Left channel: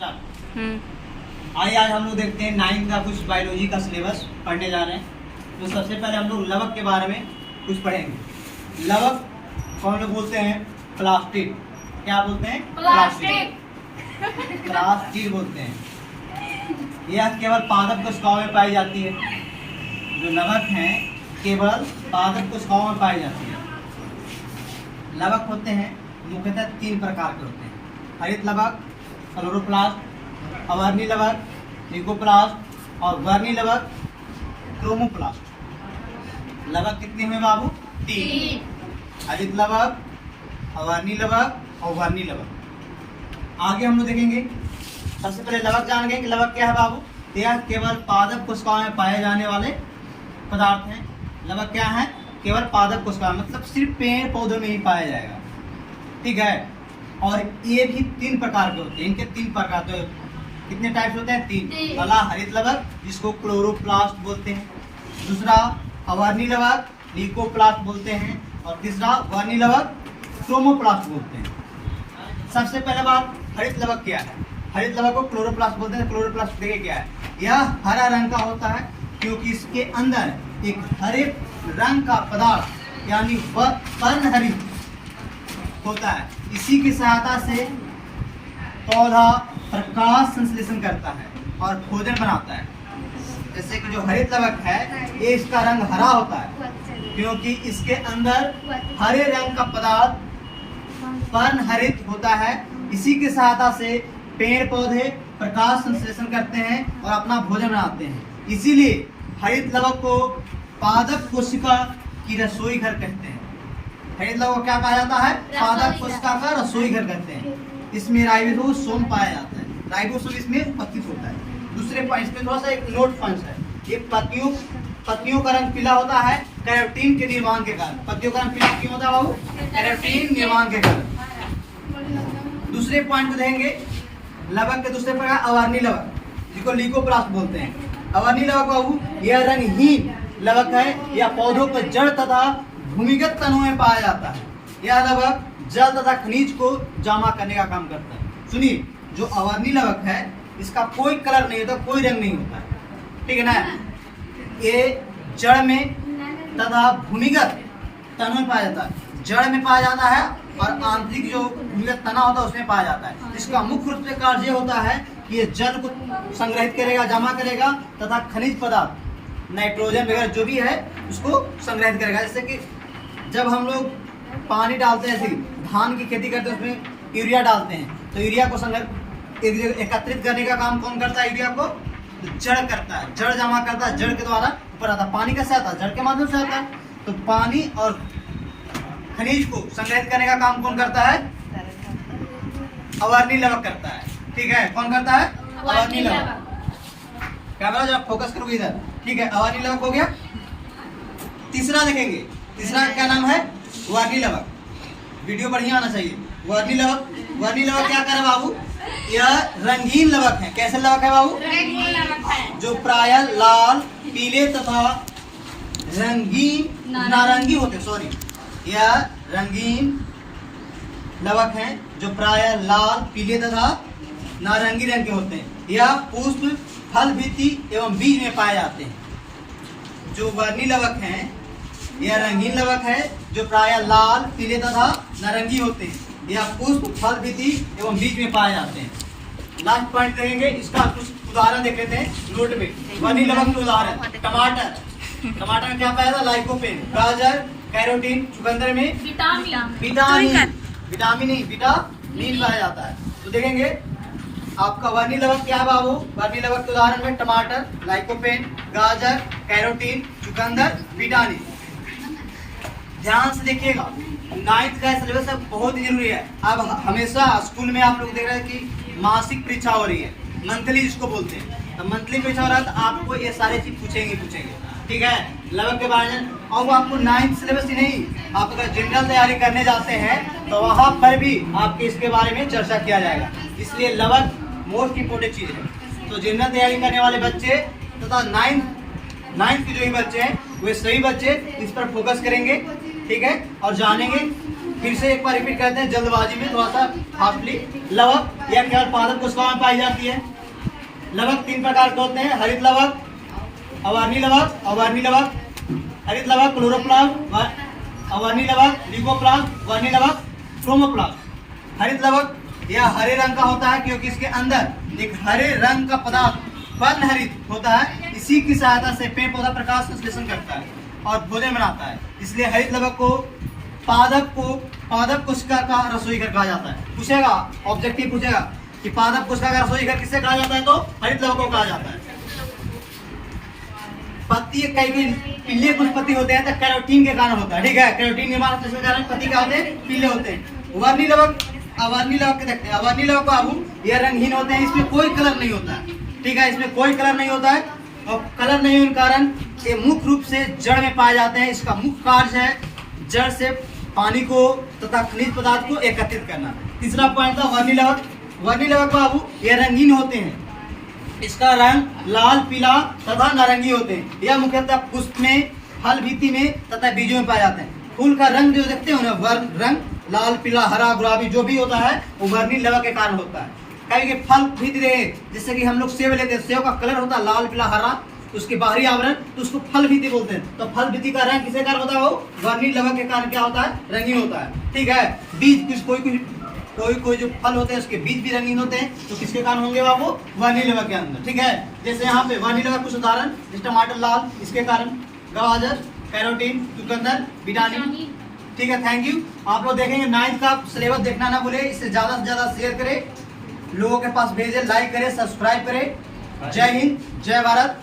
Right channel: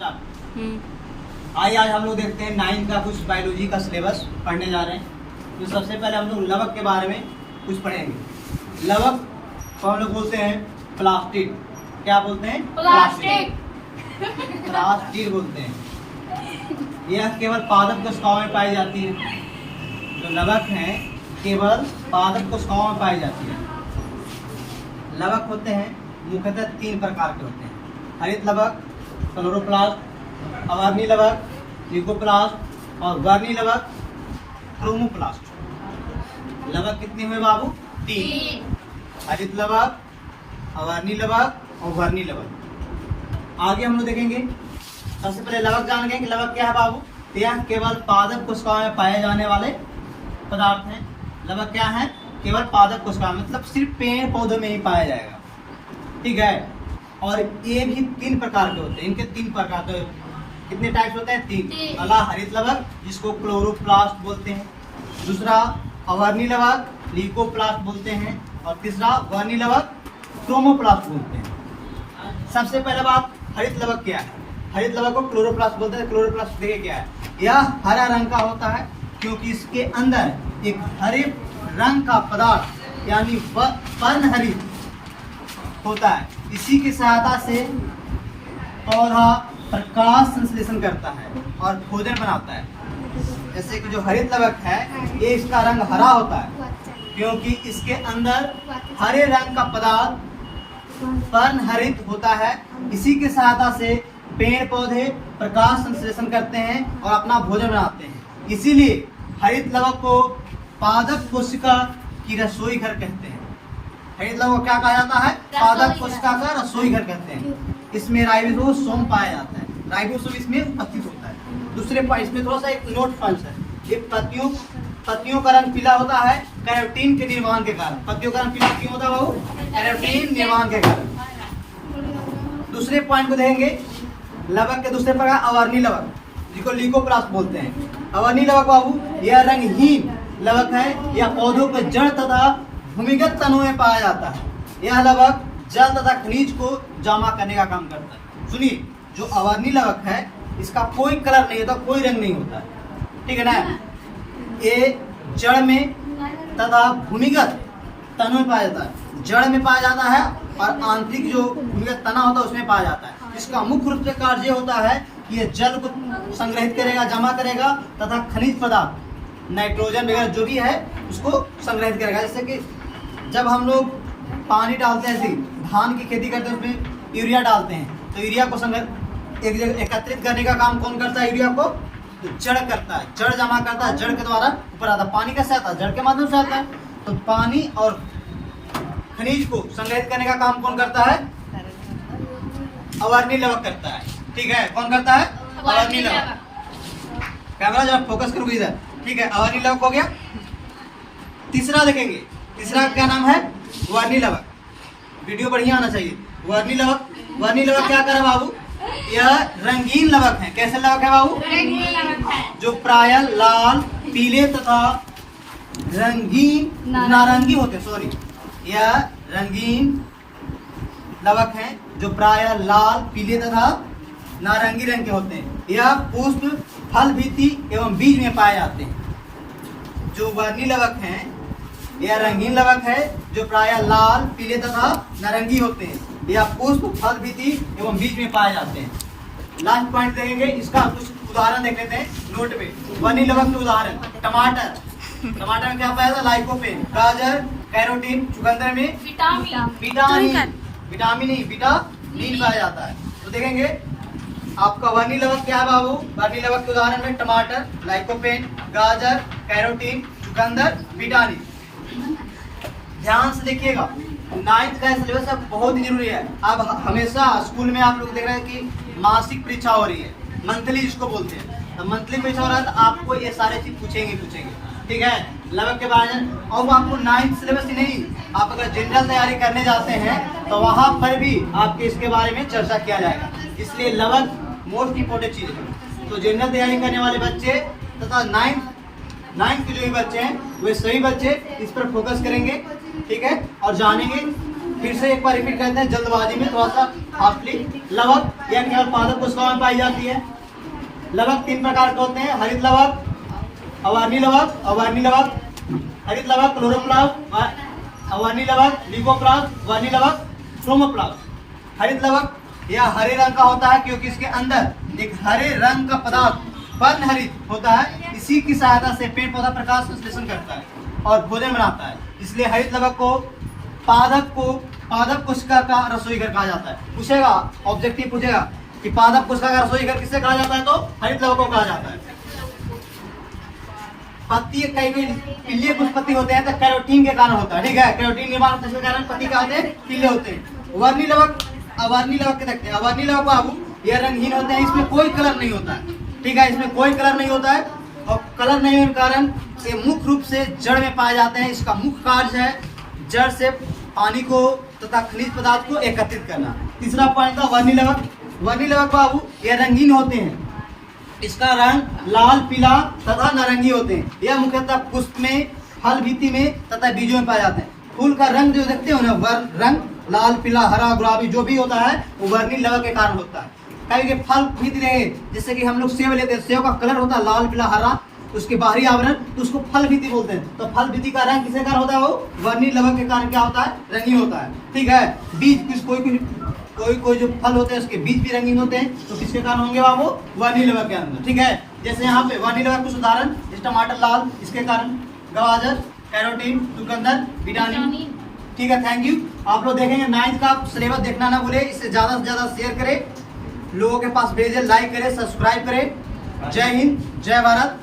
आइए आज हम लोग देखते हैं 9th का कुछ बायोलॉजी का सिलेबस पढ़ने जा रहे हैं। तो सबसे पहले हम लोग लवक के बारे में कुछ पढ़ेंगे। लवक को हम लोग बोलते हैं प्लास्टिड। क्या बोलते हैं? प्लास्टिड बोलते हैं। यह केवल पादप कोशिकाओं में पाई जाती है। जो लवक है केवल पादप कोशिकाओं में पाई जाती है। लवक होते हैं मुख्यतः 3 प्रकार के होते हैं। हरित लवक, क्लोरोप्लास्ट, अवर्णी लवक, लिकोप्लास्ट और वर्णी लवक, क्रोमोप्लास्ट। लवक कितने हुए बाबू? 3। हरित लवक, अवर्णी लवक और वर्णी लवक। आगे हम लोग देखेंगे। सबसे पहले लवक जान गए कि लवक क्या है बाबू? यह केवल पादप कोशिकाओं में पाए जाने वाले पदार्थ हैं। लवक क्या है? केवल पादप कोशिकाओं, मतलब सिर्फ पेड़ पौधों में ही पाया जाएगा। ठीक है। और ये भी 3 प्रकार के होते हैं। इनके 3 प्रकार के कितने टाइप्स होते हैं? 3। पहला हरित लवक जिसको क्लोरोप्लास्ट बोलते हैं, दूसरा अवर्णी लवक लिकोप्लास्ट बोलते हैं और तीसरा वर्णी लवक क्रोमोप्लास्ट बोलते हैं। सबसे पहले बात, हरित लवक क्या है? हरित लवक को क्लोरोप्लास्ट बोलते हैं। क्लोरोप्लास्ट देखिए क्या है? यह हरा रंग का होता है क्योंकि इसके अंदर एक हरे रंग का पदार्थ यानी पर्णहरित होता है। इसी की सहायता से पौधा प्रकाश संश्लेषण करता है और भोजन बनाता है। जैसे कि जो हरित लवक है ये इसका रंग हरा होता है क्योंकि इसके अंदर हरे रंग का पदार्थ पर्णहरित होता है। इसी की सहायता से पेड़ पौधे प्रकाश संश्लेषण करते हैं और अपना भोजन बनाते हैं। इसीलिए हरित लवक को पादप कोशिका की रसोई घर कहते हैं। हरित लवक क्या कहा जाता है? पादप कोशिका का रसोई घर कहते हैं। इसमें राइबोसोम पाया जाता है। राइबोसोम इसमें उपस्थित होता है। दूसरे पॉइंट में थोड़ा सा एक नोट पॉइंट है। ये पत्तियों का रंग पीला होता है कैरोटीन के निर्माण के कारण। पत्तियों का रंग पीला क्यों होता है बाबू? कैरोटीन निर्माण के कारण। दूसरे पॉइंट को देखेंगे। लवक के दूसरे प्रकार अवर्णी लवक जिसको लिकोप्लास्ट बोलते हैं। अवर्णी लवक बाबू यह रंगहीन लवक है। यह पौधों के जड़ तथा भूमिगत तनों में पाया जाता है। यह लवक जल तथा खनिज को जमा करने का काम करता है। सुनिए, जो अवर्णी लवक है इसका कोई कलर नहीं होता, कोई रंग नहीं होता है। ठीक है ना? ये जड़ में तथा भूमिगत तनों में पाया जाता है। जड़ में पाया जाता है और आंतरिक जो भूमिगत तना होता है उसमें पाया जाता है। इसका मुख्य रूप से कार्य होता है कि ये जल को संग्रहित करेगा, जमा करेगा तथा खनिज पदार्थ नाइट्रोजन वगैरह जो भी है उसको संग्रहित करेगा। जैसे कि जब हम लोग पानी डालते हैं, ऐसे धान की खेती करते हैं उसमें यूरिया डालते हैं तो यूरिया को एकत्रित करने का काम कौन करता है? यूरिया को जड़ करता है। जड़ जमा करता है, जड़ के द्वारा ऊपर आता है। पानी कैसे आता है? जड़ के माध्यम से आता है। तो पानी और खनिज को संग्रहित करने का काम कौन करता है? अवर्णी लवक करता है। ठीक है, कौन करता है? अवर्णी लवक। कैमरा जब फोकस करोगे इधर। ठीक है, अवर्णी लवक हो गया। तीसरा देखेंगे। तीसरा क्या नाम है? वर्णी लवक। वीडियो बढ़िया होना चाहिए। वर्णी लवक। वर्णी लवक क्या करे बाबू? यह रंगीन लवक है। कैसे लवक है बाबू? रंगीन लवक है। जो प्रायः लाल, पीले तथा रंगीन नारंगी होते। सॉरी, यह रंगीन लवक है जो प्रायः लाल, पीले तथा नारंगी रंग के होते हैं। यह पुष्प, फल, भित्ति एवं बीज में पाए जाते हैं। जो वर्णी लवक हैं यह रंगीन लवक है जो प्रायः लाल, पीले तथा नारंगी होते हैं। यह पुष्प, फल, भित्ति एवं बीज में पाए जाते हैं। लास्ट पॉइंट देखेंगे। इसका कुछ उदाहरण देख लेते हैं नोट में। वर्णी लवक के उदाहरण। टमाटर में क्या पाया था? लाइकोपेन। गाजर कैरोटीन। चुकंदर में विटामिन पाया जाता है। तो देखेंगे आपका वर्णी लवक क्या है बाबू? वर्णी लवक के उदाहरण में टमाटर, लाइकोपेन, गाजर, कैरोटीन, चुकंदर, विटामिन। ध्यान से देखिएगा, 9th का सिलेबस अब बहुत जरूरी है। अब हमेशा स्कूल में आप लोग देख रहे हैं कि मासिक परीक्षा हो रही है, मंथली जिसको बोलते हैं। तो मंथली परीक्षा हो रहा है तो आपको ये सारे चीज पूछेंगे। ठीक है, लवक के बारे में। और आपको 9th सिलेबस ही नहीं, आप अगर जनरल तैयारी करने जाते हैं तो वहाँ पर भी आपके इसके बारे में चर्चा किया जाएगा। इसलिए लवक मोस्ट इम्पोर्टेंट चीज है। तो जनरल तैयारी करने वाले बच्चे तथा 9th के जो भी बच्चे हैं वे सभी बच्चे इस पर फोकस करेंगे। ठीक है, और जानेंगे। फिर से एक बार रिपीट करते हैं, जल्दबाजी में थोड़ा सा हाफली लवक, यह केवल पादप कोशिकाओं में पाई जाती है। लवक 3 प्रकार के होते हैं, हरित लवक, अवर्णी लवक, अवर्णी लवक। हरित लवक क्लोरोप्लास्ट, अवर्णी लवक ल्यूकोप्लास्ट, वर्णी लवक क्रोमोप्लास्ट। हरित लवक यह हरे रंग का होता है क्योंकि इसके अंदर एक हरे रंग का पदार्थ वर्णहरित होता है। इसी की सहायता से पेड़ पौधा प्रकाश संश्लेषण करता है और भोजन बनाता है। इसलिए हरित लवक को पादप कोशिका का रसोई घर कहा जाता है। पूछेगा, ऑब्जेक्टिव पूछेगा कि पादप कोशिका का रसोई घर किससे कहा जाता है, तो हरित लवक को कहा जाता है। पत्ती कई पीले कुछ पत्ती होते हैं तो कैरोटीन के कारण होता है, ठीक है, कैरोटीन निर्माण होने के कारण पत्ती क्या होते हैं, पीले होते हैं। वर्णी लवक, अवर्णी लवक देखते हैं। अवर्णी लवक बाबू ये रंगहीन होते हैं, इसमें कोई कलर नहीं होता है, ठीक है, इसमें कोई कलर नहीं होता है और कलर नहीं होने के कारण ये मुख्य रूप से जड़ में पाए जाते हैं। इसका मुख्य कार्य है जड़ से पानी को तथा खनिज पदार्थ को एकत्रित करना। तीसरा पॉइंट था वर्णी लवक। वर्णी लवक बाबू ये रंगीन होते हैं, इसका रंग लाल, पीला तथा नारंगी होते हैं। यह मुख्यतः पुष्प में, फल भीति में तथा बीजों में पाए जाते हैं। फूल का रंग जो देखते हो ना, रंग लाल, पीला, हरा, गुलाबी जो भी होता है वो वर्णी लवक के कारण होता है। कहीं के फल भीति रहे, जैसे कि हम लोग सेब लेते हैं, सेब का कलर होता है लाल, पीला, हरा, उसके बाहरी आवरण, तो उसको फल भीति बोलते हैं। तो फल भीति का रंग किसके कारण होता है, वो वर्णी लवक के कारण क्या होता है, रंगीन होता है, ठीक है। बीज कोई जो फल होते हैं उसके बीज भी रंगीन होते हैं, तो किसके कारण होंगे बाबू, वर्णी लवक के अंदर, ठीक है। जैसे यहाँ पे वर्णी लवक कुछ उदाहरण, जैसे टमाटर लाल, इसके कारण गाजर, कैरोटीन, चुकंदर, विटामिन, ठीक है। Thank you. आप लोग देखेंगे 9th का सिलेबस देखना ना भूले, इससे ज्यादा से ज्यादा शेयर करें, लोगों के पास भेजें, लाइक करें, सब्सक्राइब करें। जय हिंद, जय भारत।